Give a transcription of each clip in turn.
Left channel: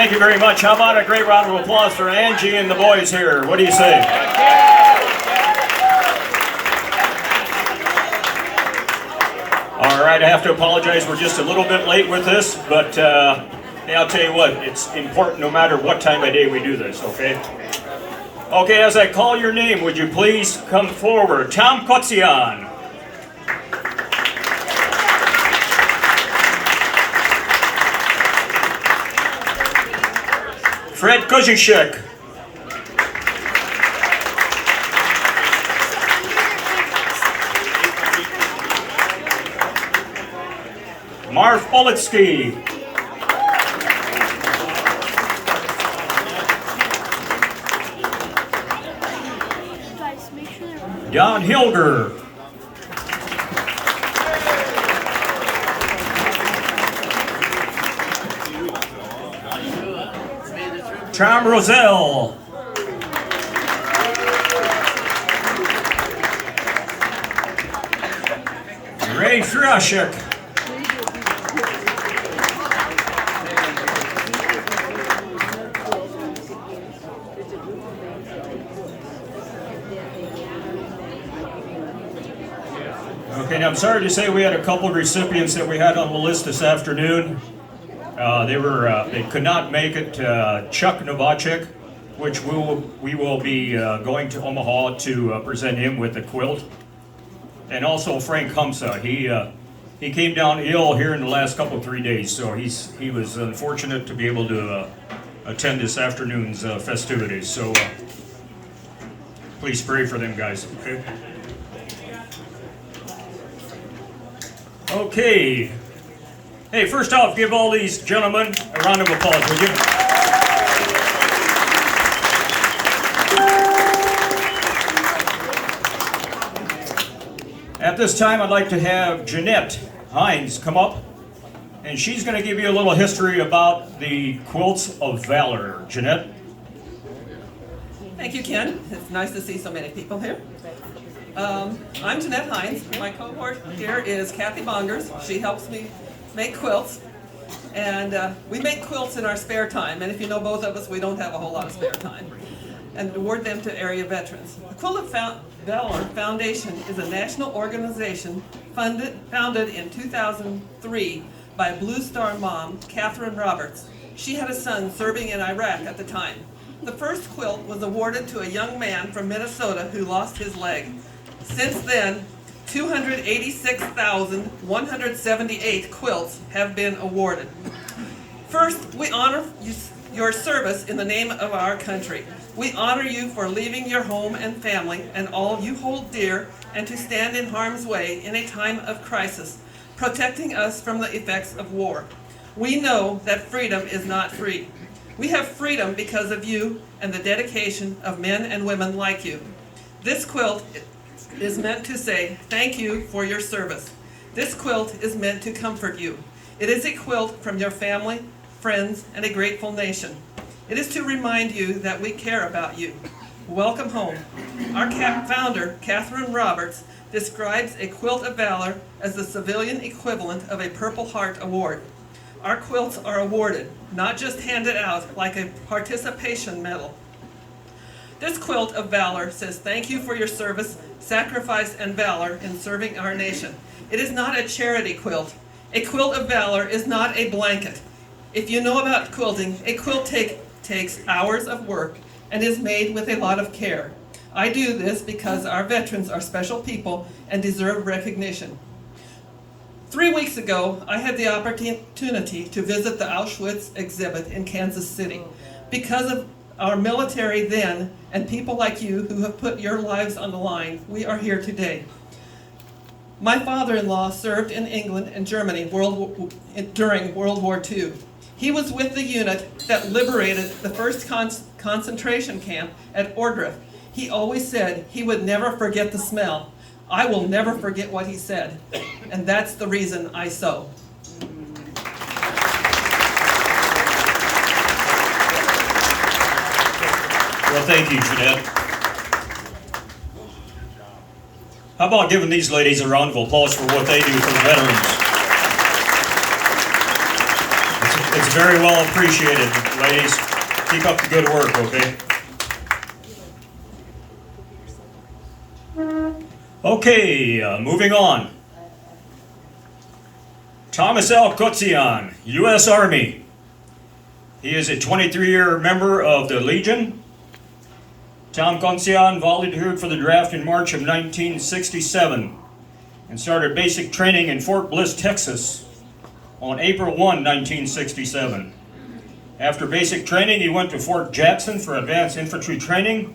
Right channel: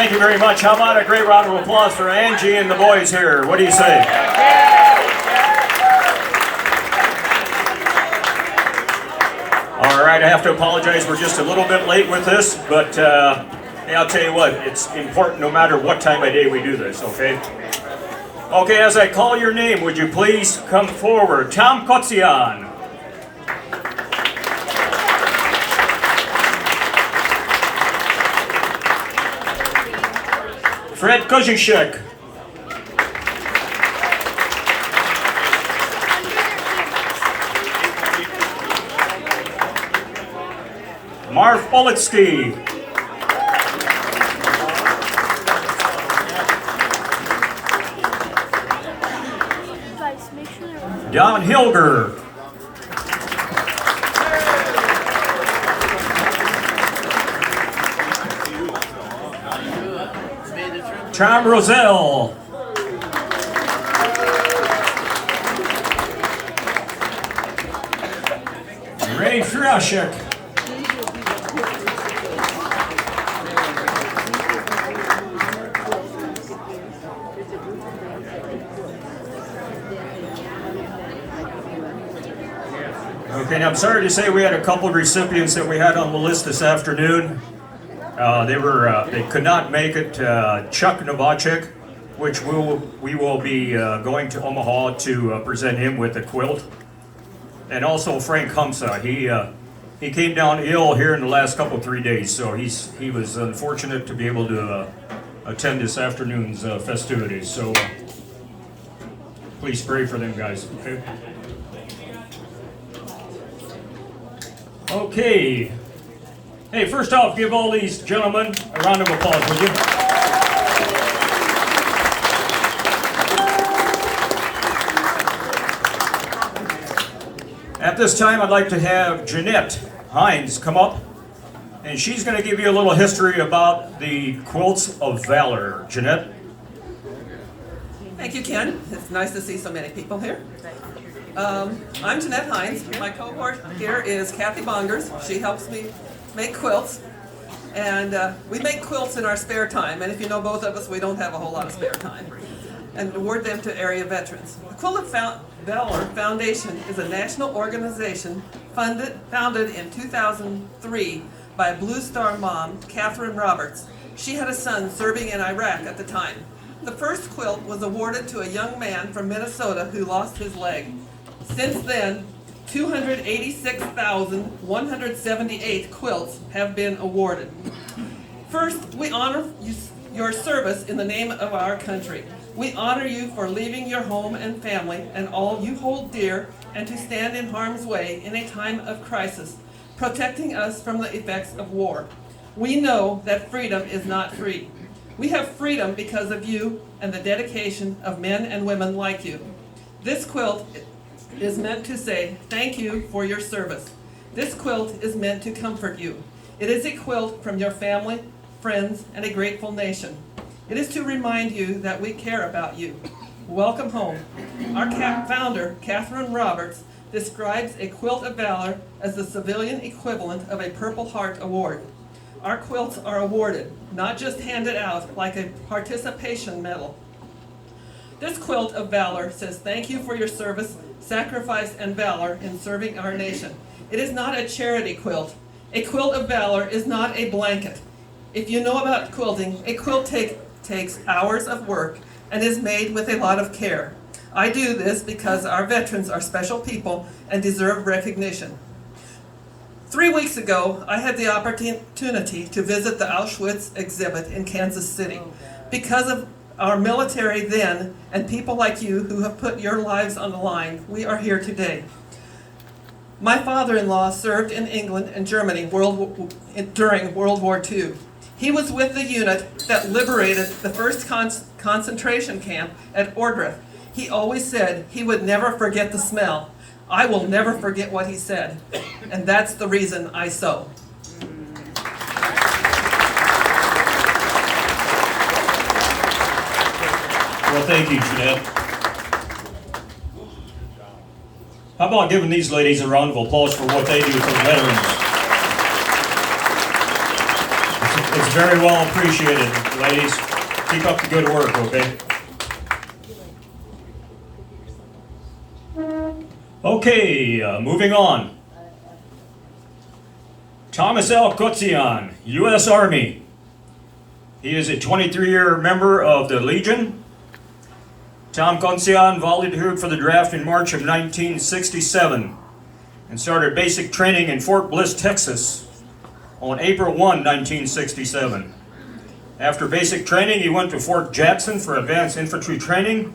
Thank you very much. How about a great round of applause for Angie and the boys here? What do you say? All right, I have to apologize. We're just a little bit late with this, but hey, I'll tell you what, it's important no matter what time of day we do this, okay? Okay, as I call your name, would you please come forward? Tom Kotzian. Fred Kozechek. Marv Politsky. Guys, make sure they're... Don Hilger. Tom Roselle. Ray Frashek. Okay, now I'm sorry to say we had a couple of recipients that we had on the list this afternoon. They could not make it. Chuck Novacek, which we will be going to Omaha to present him with a quilt, and also Frank Humsa. He came down ill here in the last 3 days, so he was unfortunate to be able to attend this afternoon's festivities. So please pray for them, guys. Okay. Okay. Hey, first off, give all these gentlemen a round of applause, would you? At this time, I'd like to have Jeanette Hines come up, and she's going to give you a little history about the Quilts of Valor. Jeanette? Thank you, Ken. It's nice to see so many people here. I'm Jeanette Hines. My cohort here is Kathy Bongers. She helps me make quilts, and we make quilts in our spare time, and if you know both of us, we don't have a whole lot of spare time, and award them to area veterans. The Quilt of Valor Foundation is a national organization founded in 2003 by Blue Star mom, Catherine Roberts. She had a son serving in Iraq at the time. The first quilt was awarded to a young man from Minnesota who lost his leg. Since then, 286,178 quilts have been awarded. First, we honor your service in the name of our country. We honor you for leaving your home and family and all you hold dear and to stand in harm's way in a time of crisis, protecting us from the effects of war. We know that freedom is not free. We have freedom because of you and the dedication of men and women like you. This quilt is meant to say thank you for your service. This quilt is meant to comfort you. It is a quilt from your family, friends, and a grateful nation. It is to remind you that we care about you. Welcome home. Our founder, Catherine Roberts, describes a Quilt of Valor as the civilian equivalent of a Purple Heart Award. Our quilts are awarded, not just handed out like a participation medal. This Quilt of Valor says thank you for your service, sacrifice, and valor in serving our nation. It is not a charity quilt. A Quilt of Valor is not a blanket. If you know about quilting, a quilt takes hours of work and is made with a lot of care. I do this because our veterans are special people and deserve recognition. 3 weeks ago, I had the opportunity to visit the Auschwitz exhibit in Kansas City. Because of our military then, and people like you who have put your lives on the line, we are here today. My father-in-law served in England and Germany during World War II. He was with the unit that liberated the first concentration camp at Ohrdruf. He always said he would never forget the smell. I will never forget what he said, and that's the reason I sew. Well, thank you, Jeanette. How about giving these ladies a round of applause for what they do for the veterans? It's very well appreciated, ladies. Keep up the good work, okay? Okay, moving on. Thomas L. Kotzian, U.S. Army. He is a 23-year member of the Legion. Tom Kotzian volunteered for the draft in March of 1967 and started basic training in Fort Bliss, Texas on April 1, 1967. After basic training, he went to Fort Jackson for advanced infantry training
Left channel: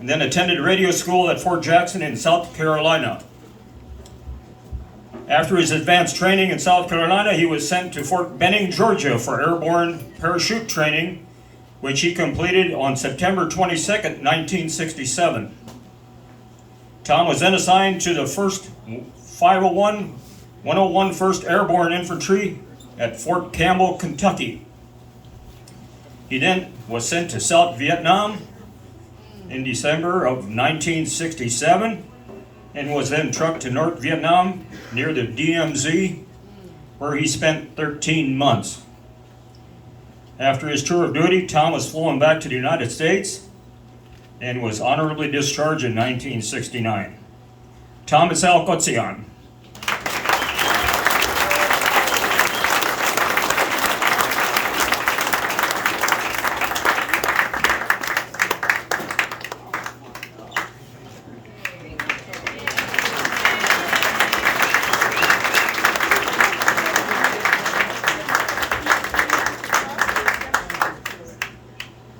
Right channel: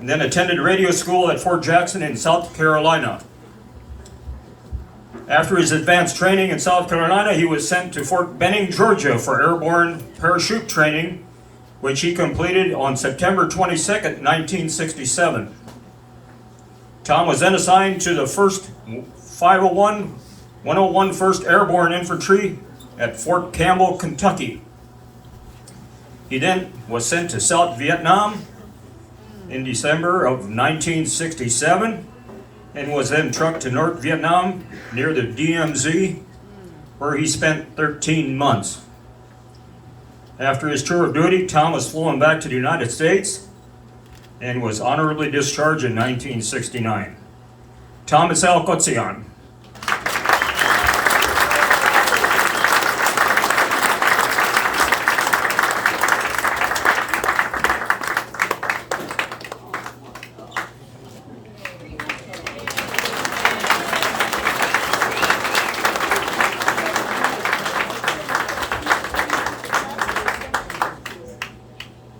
and then attended radio school at Fort Jackson in South Carolina. After his advanced training in South Carolina, he was sent to Fort Benning, Georgia for airborne parachute training, which he completed on September 22, 1967. Tom was then assigned to the 1st 501, 101 1st Airborne Infantry at Fort Campbell, Kentucky. He then was sent to South Vietnam in December of 1967 and was then trucked to North Vietnam near the DMZ, where he spent 13 months. After his tour of duty, Tom was flown back to the United States and was honorably discharged in 1969. Thomas L. Kotzian.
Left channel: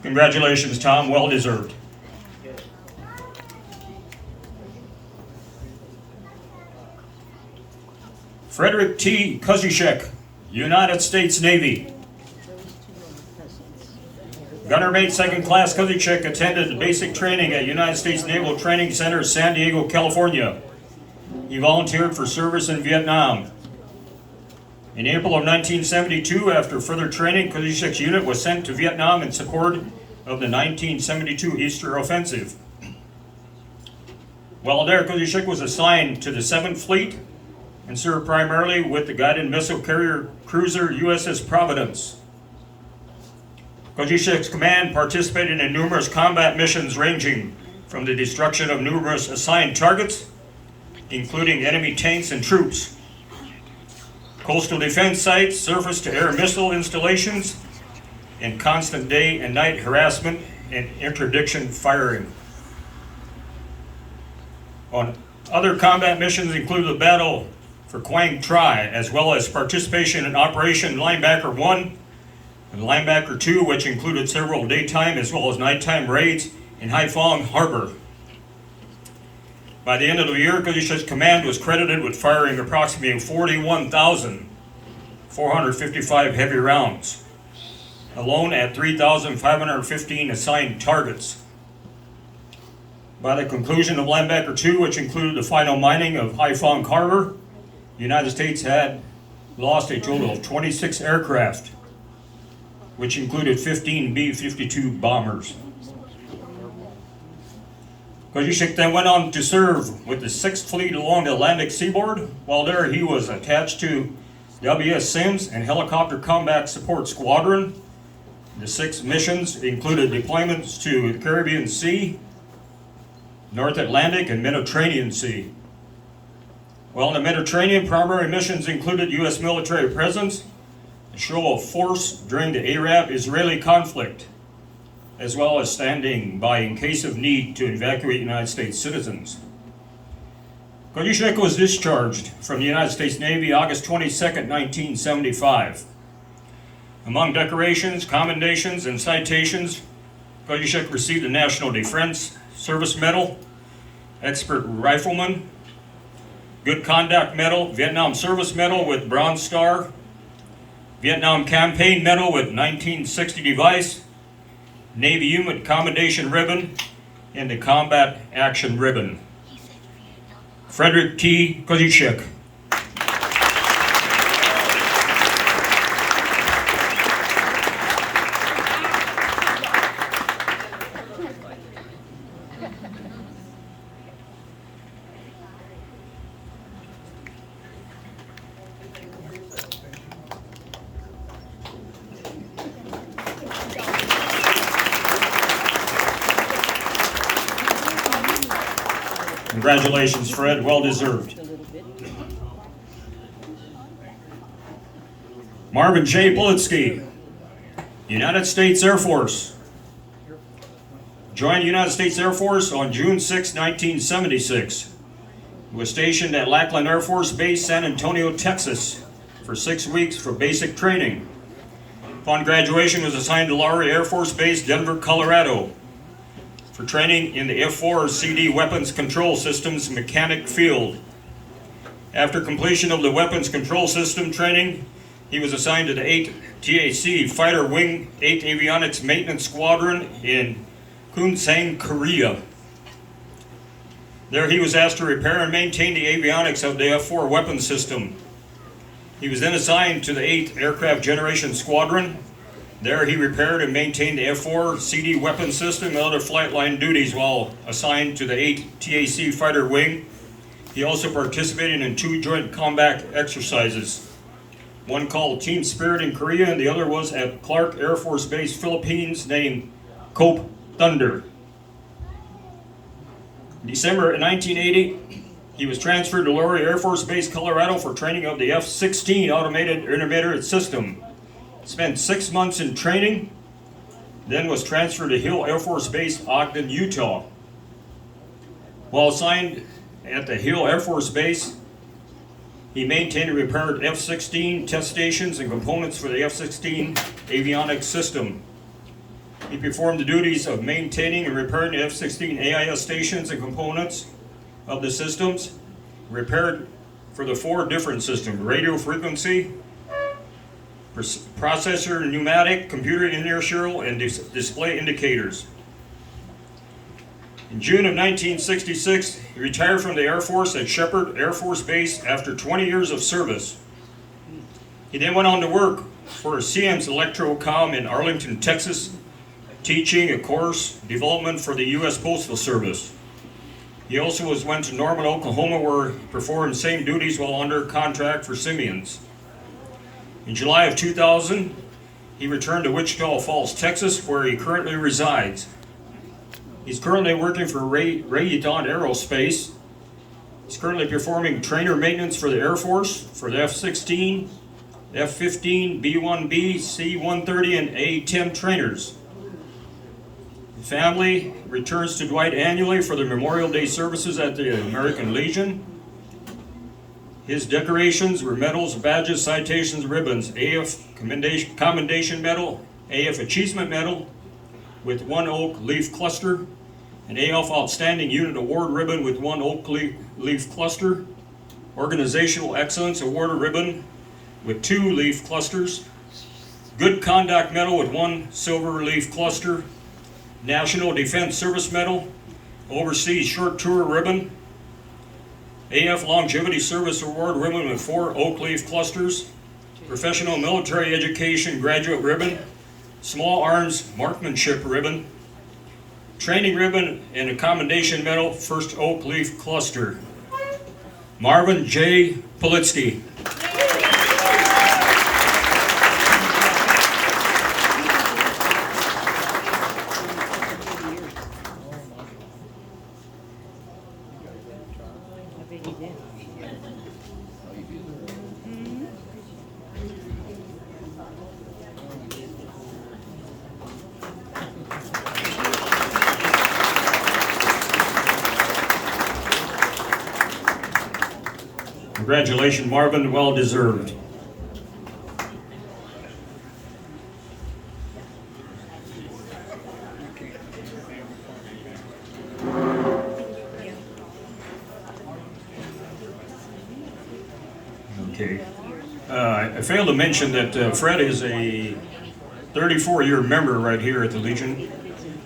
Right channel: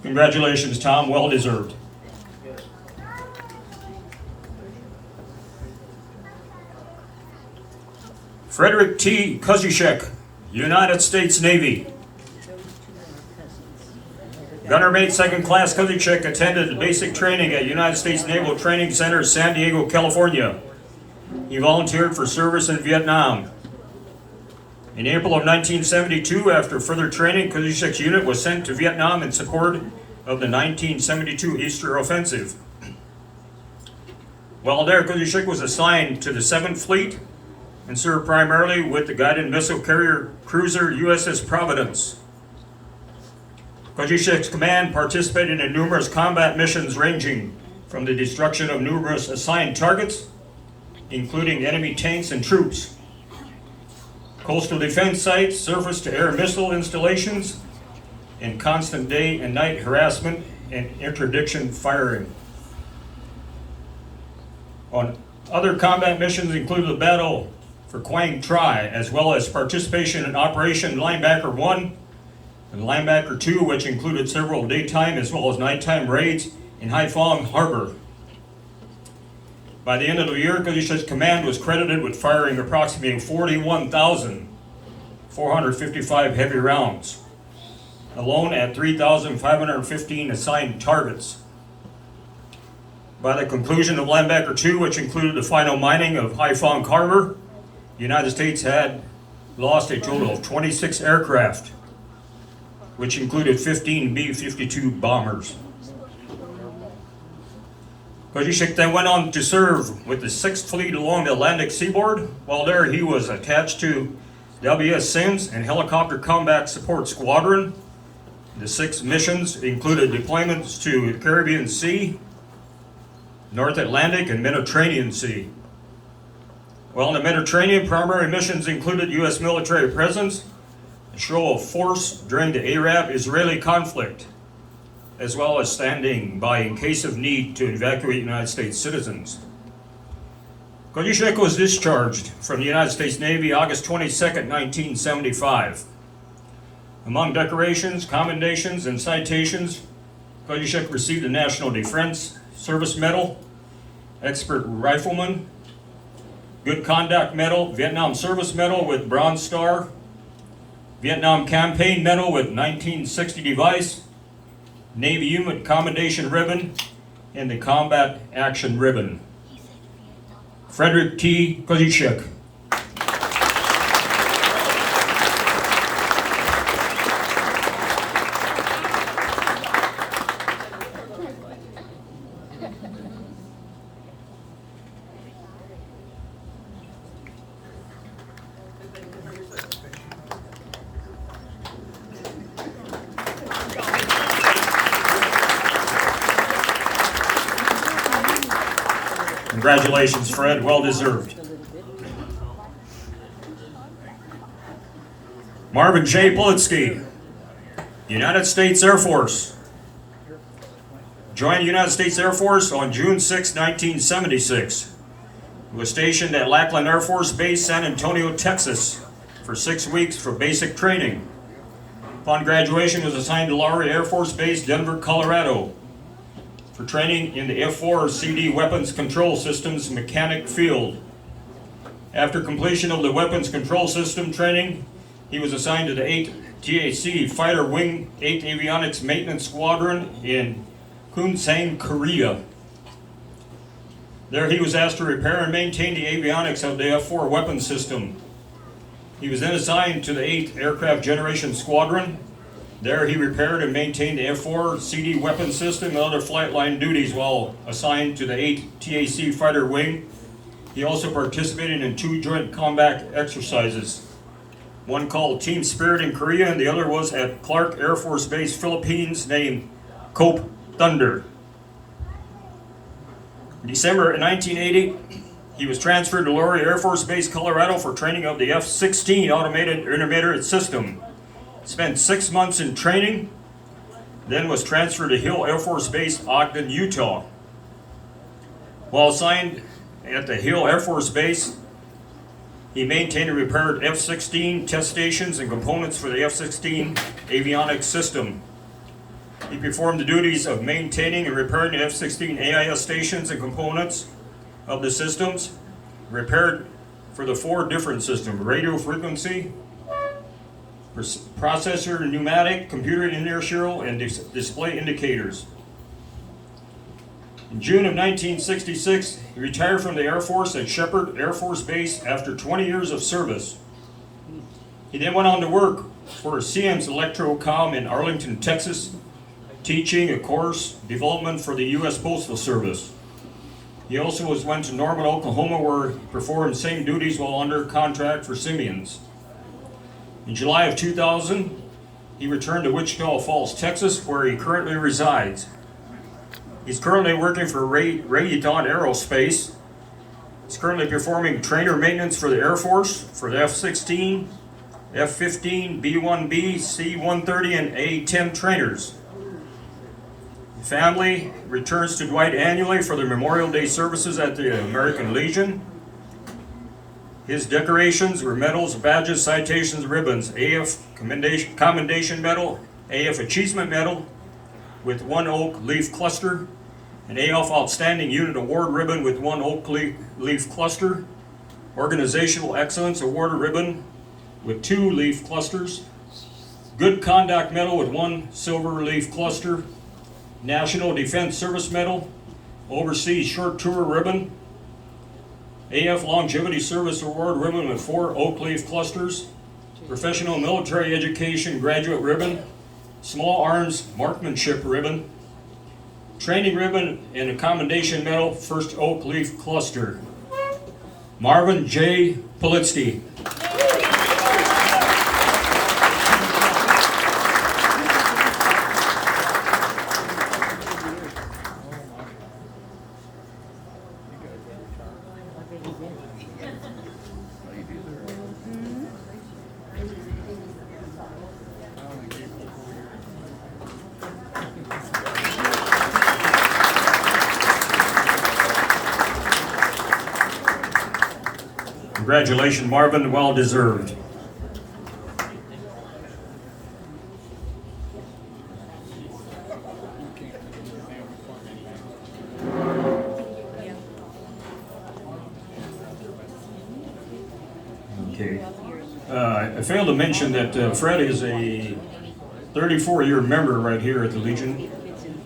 Congratulations, Tom. Well deserved. Frederick T Kozechek, United States Navy. Gunner Mate 2nd Class Kozechek attended basic training at United States Naval Training Center, San Diego, California. He volunteered for service in Vietnam. In April of 1972, after further training, Kozechek's unit was sent to Vietnam in support of the 1972 Easter Offensive. While there, Kozechek was assigned to the 7th Fleet and served primarily with the guided missile carrier cruiser USS Providence. Kozechek's command participated in numerous combat missions ranging from the destruction of numerous assigned targets, including enemy tanks and troops, coastal defense sites, surface-to-air missile installations, and constant day and night harassment and interdiction firing. On other combat missions include the battle for Quang Tri, as well as participation in Operation Linebacker 1 and Linebacker 2, which included several daytime as well as nighttime raids in Haiphong Harbor. By the end of the year, Kozechek's command was credited with firing approximately 41,455 heavy rounds, alone at 3,515 assigned targets. By the conclusion of Linebacker 2, which included the final mining of Haiphong Harbor, the United States had lost a total of 26 aircraft, which included 15 B-52 bombers. Kozechek then went on to serve with the 6th Fleet along the Atlantic seaboard. While there, he was attached to W.S. Sims and Helicopter Combat Support Squadron. The 6 missions included deployments to the Caribbean Sea, North Atlantic, and Mediterranean Sea. While in the Mediterranean, primary missions included U.S. military presence, a show of force during the Arab-Israeli conflict, as well as standing by in case of need to evacuate United States citizens. Kozechek was discharged from the United States Navy August 22, 1975. Among decorations, commendations, and citations, Kozechek received the National Defense Service Medal, Expert Rifleman, Good Conduct Medal, Vietnam Service Medal with Bronze Star, Vietnam Campaign Medal with 1960 device, Navy Unit Commendation Ribbon, and the Combat Action Ribbon. Frederick T Kozechek. Congratulations, Fred. Well deserved. Marvin J. Politsky, United States Air Force. Joined the United States Air Force on June 6, 1976. He was stationed at Lackland Air Force Base, San Antonio, Texas, for 6 weeks for basic training. Upon graduation, he was assigned to Laurie Air Force Base, Denver, Colorado, for training in the F-4 CD Weapons Control Systems Mechanic Field. After completion of the Weapons Control System training, he was assigned to the 8th TAC Fighter Wing 8th Avionics Maintenance Squadron in Kunsang, Korea. There he was asked to repair and maintain the avionics of the F-4 weapon system. He was then assigned to the 8th Aircraft Generation Squadron. There he repaired and maintained the F-4 CD weapon system and other flight line duties while assigned to the 8th TAC Fighter Wing. He also participated in 2 joint combat exercises. One called Team Spirit in Korea and the other was at Clark Air Force Base, Philippines, named Cope Thunder. In December 1980, he was transferred to Laurie Air Force Base, Colorado for training of the F-16 Automated Intermediate System. Spent 6 months in training, then was transferred to Hill Air Force Base, Ogden, Utah. While assigned at the Hill Air Force Base, he maintained and repaired F-16 test stations and components for the F-16 avionics system. He performed the duties of maintaining and repairing the F-16 AIS stations and components of the systems, repaired for the 4 different systems: radio frequency, processor, pneumatic, computer inertial, and display indicators. In June of 1966, he retired from the Air Force at Shepherd Air Force Base after 20 years of service. He then went on to work for Siemens Electrocom in Arlington, Texas, teaching a course development for the U.S. Postal Service. He also went to Norman, Oklahoma, where he performed same duties while under contract for Siemens. In July of 2000, he returned to Wichita Falls, Texas, where he currently resides. He's currently working for Raytheon Aerospace. He's currently performing trainer maintenance for the Air Force for the F-16, F-15, B-1B, C-130, and A-10 trainers. The family returns to Dwight annually for the Memorial Day services at the American Legion. His decorations were medals, badges, citations, ribbons: AF Commendation Medal, AF Achievement Medal with 1 oak leaf cluster, an AF Outstanding Unit Award ribbon with 1 oak leaf cluster, Organizational Excellence Award ribbon with 2 leaf clusters, Good Conduct Medal with 1 silver leaf cluster, National Defense Service Medal, Overseas Short Tour ribbon, AF Longevity Service Award ribbon with 4 oak leaf clusters, Professional Military Education Graduate ribbon, Small Arms Marksmanship ribbon, Training ribbon, and a Commendation Medal, 1st oak leaf cluster. Marvin J. Politsky. Congratulations, Marvin, well deserved. Okay. I failed to mention that Fred is a 34-year member right here at the Legion.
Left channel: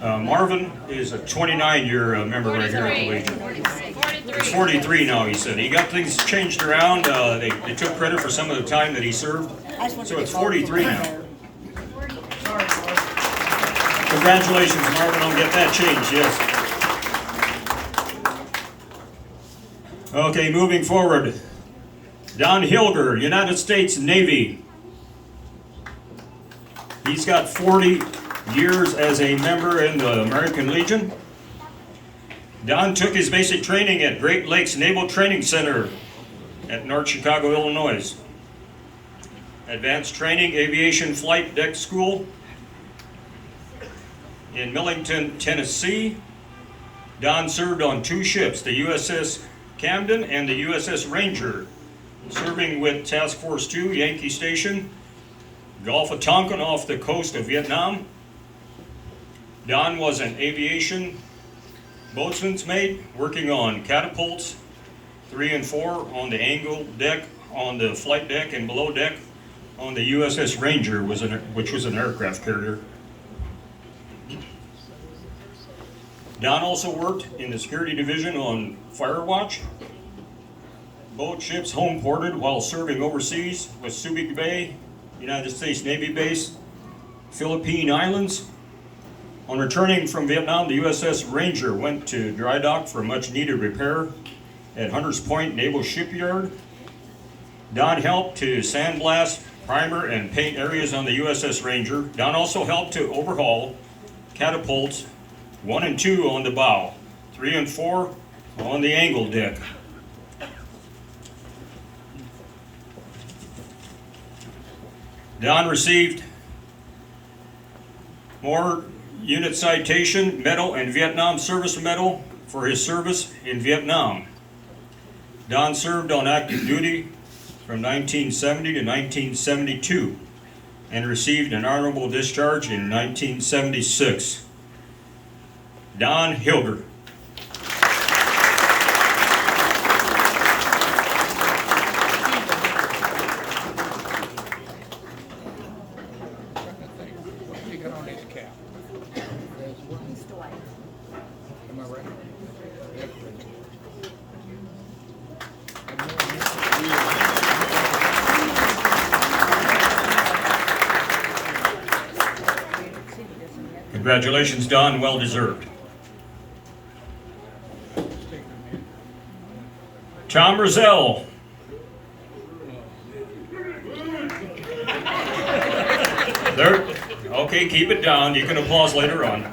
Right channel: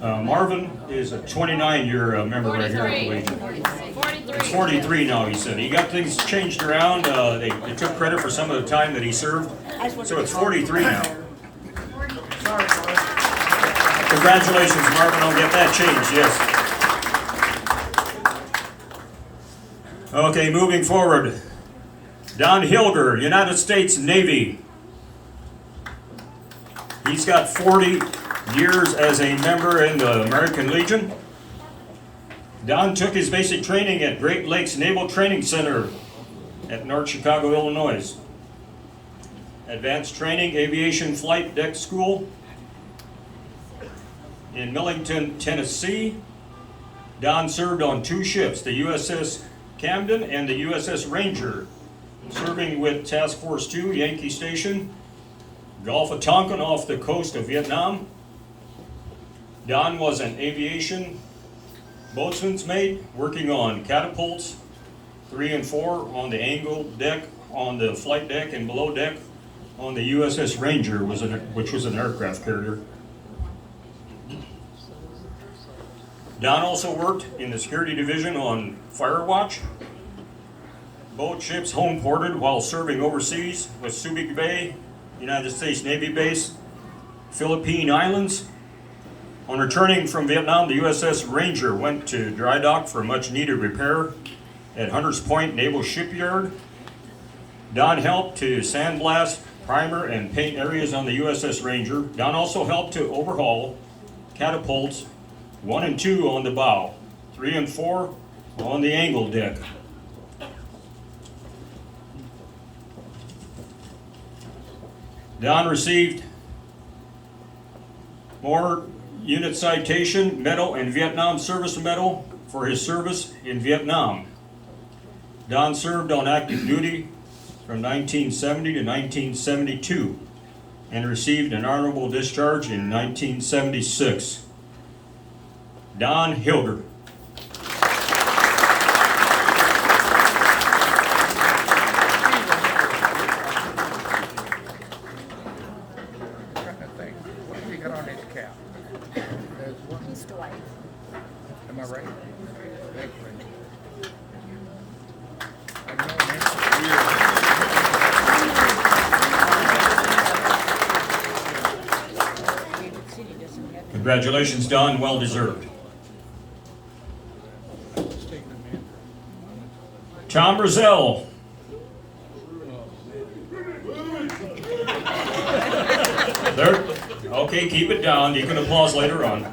Marvin is a 29-year member right here at the Legion. He's 43 now, he said. He got things changed around. They took credit for some of the time that he served. So it's 43 now. Congratulations, Marvin. I'll get that changed, yes. Okay, moving forward. Don Hilger, United States Navy. He's got 40 years as a member in the American Legion. Don took his basic training at Great Lakes Naval Training Center at North Chicago, Illinois. Advanced training, aviation flight deck school in Millington, Tennessee. Don served on 2 ships, the USS Camden and the USS Ranger, serving with Task Force 2, Yankee Station, Gulf of Tonkin off the coast of Vietnam. Don was an aviation boatswain's mate working on catapults 3 and 4 on the angle deck, on the flight deck and below deck on the USS Ranger, which was an aircraft carrier. Don also worked in the security division on fire watch. Both ships home ported while serving overseas with Subic Bay, United States Navy base, Philippine Islands. On returning from Vietnam, the USS Ranger went to dry dock for much needed repair at Hunters Point Naval Shipyard. Don helped to sandblast, primer, and paint areas on the USS Ranger. Don also helped to overhaul catapults 1 and 2 on the bow, 3 and 4 on the angle deck. Don received more Unit Citation Medal and Vietnam Service Medal for his service in Vietnam. Don served on active duty from 1970 to 1972 and received an honorable discharge in 1976. Don Hilger. Trying to think, what have you got on his cap? There's one. Dwight. Am I right? That's right. I've known him for years. Congratulations, Don. Well deserved. Tom Roselle. There. Okay, keep it down. You can applause later on.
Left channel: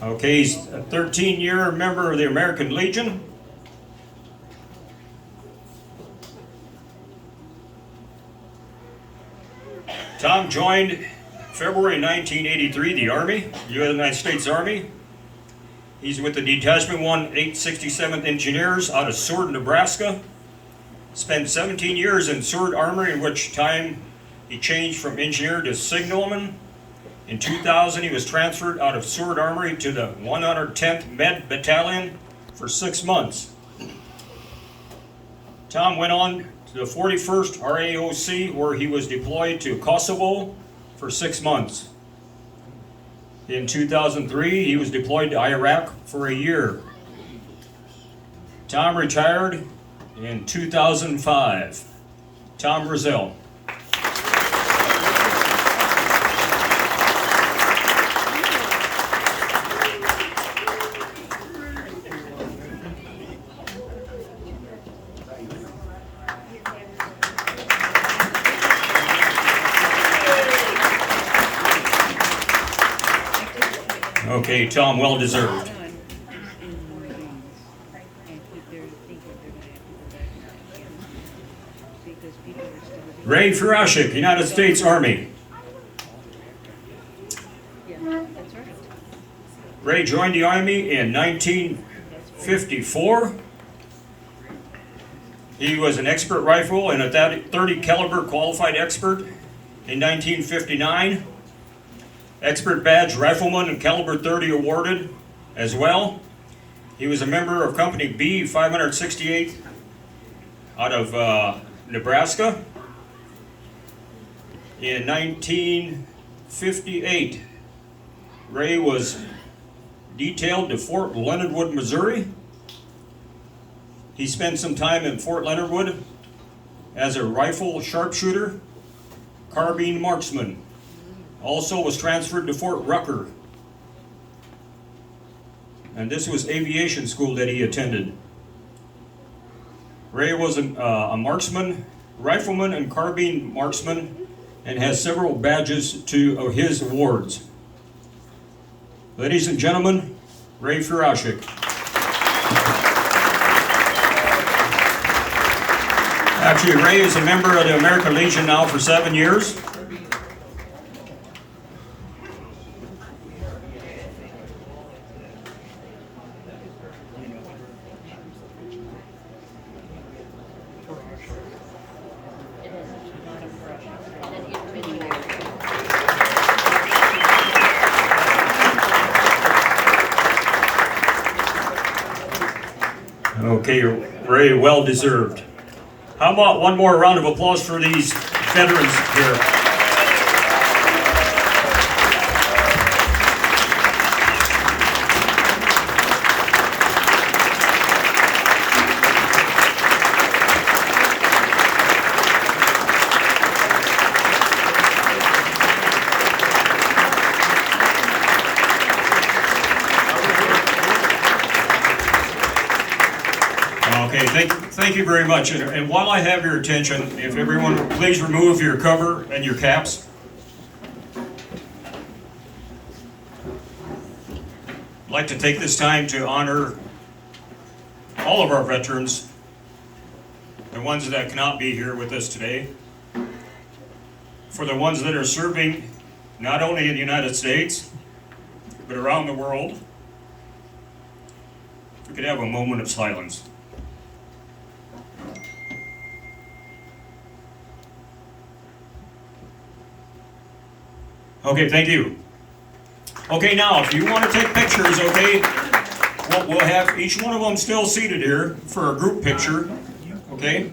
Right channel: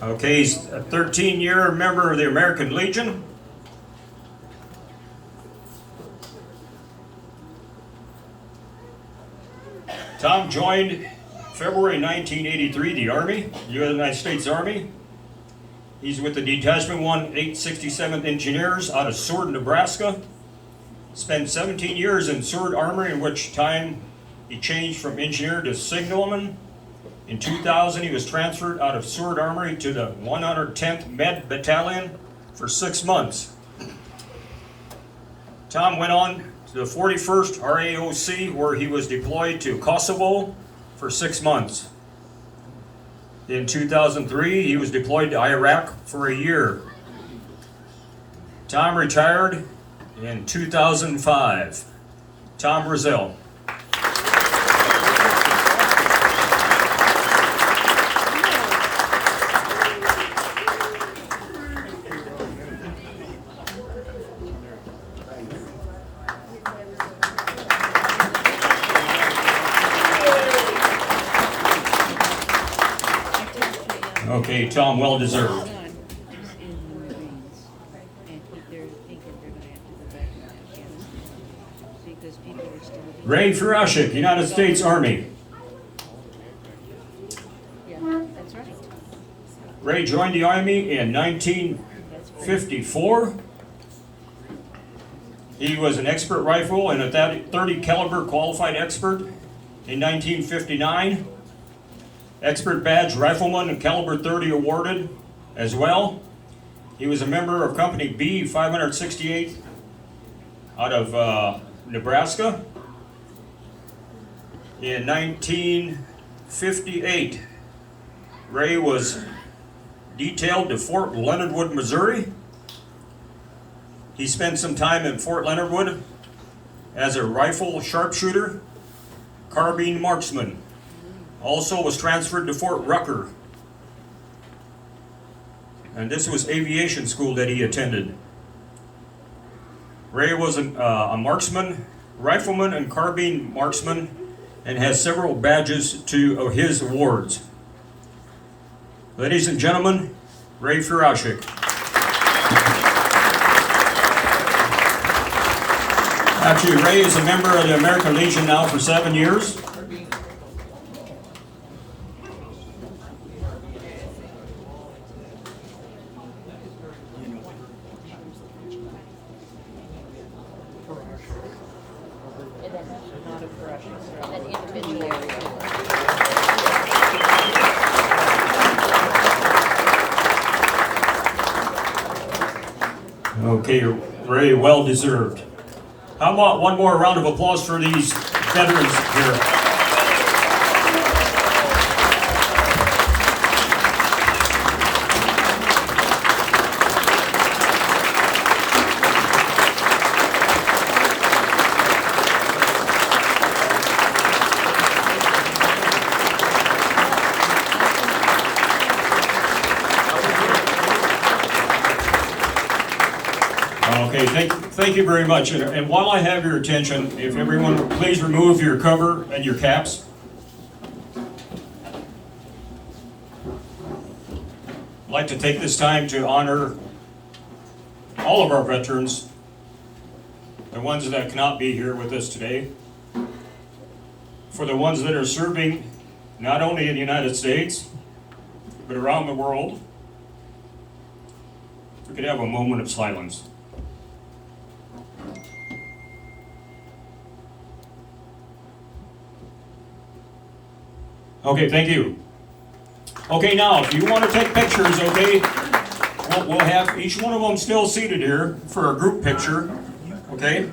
Okay, he's a 13-year member of the American Legion. Tom joined February 1983 the Army, United States Army. He's with the Detachment 1 867th Engineers out of Seward, Nebraska. Spent 17 years in Seward Armory, in which time he changed from engineer to signalman. In 2000, he was transferred out of Seward Armory to the 110th Med Battalion for 6 months. Tom went on to the 41st RAOC, where he was deployed to Kosovo for 6 months. In 2003, he was deployed to Iraq for a year. Tom retired in 2005. Tom Roselle. Okay, Tom, well deserved. Ray Frederick, United States Army. Ray joined the Army in 1954. He was an expert rifle and a 30 caliber qualified expert in 1959. Expert badge rifleman and caliber 30 awarded as well. He was a member of Company B 568 out of Nebraska. In 1958, Ray was detailed to Fort Leonard Wood, Missouri. He spent some time in Fort Leonard Wood as a rifle sharpshooter, carbine marksman. Also was transferred to Fort Rucker. And this was aviation school that he attended. Ray was a marksman, rifleman, and carbine marksman, and has several badges to his awards. Ladies and gentlemen, Ray Frederick. Actually, Ray is a member of the American Legion now for 7 years. Okay, Ray, well deserved. How about one more round of applause for these veterans here? Okay, thank you very much. And while I have your attention, if everyone would please remove your cover and your caps. I'd like to take this time to honor all of our veterans, the ones that cannot be here with us today, for the ones that are serving not only in the United States, but around the world. If we could have a moment of silence. Okay, thank you. Okay, now, if you want to take pictures, okay, we'll have each one of them still seated here for a group picture, okay?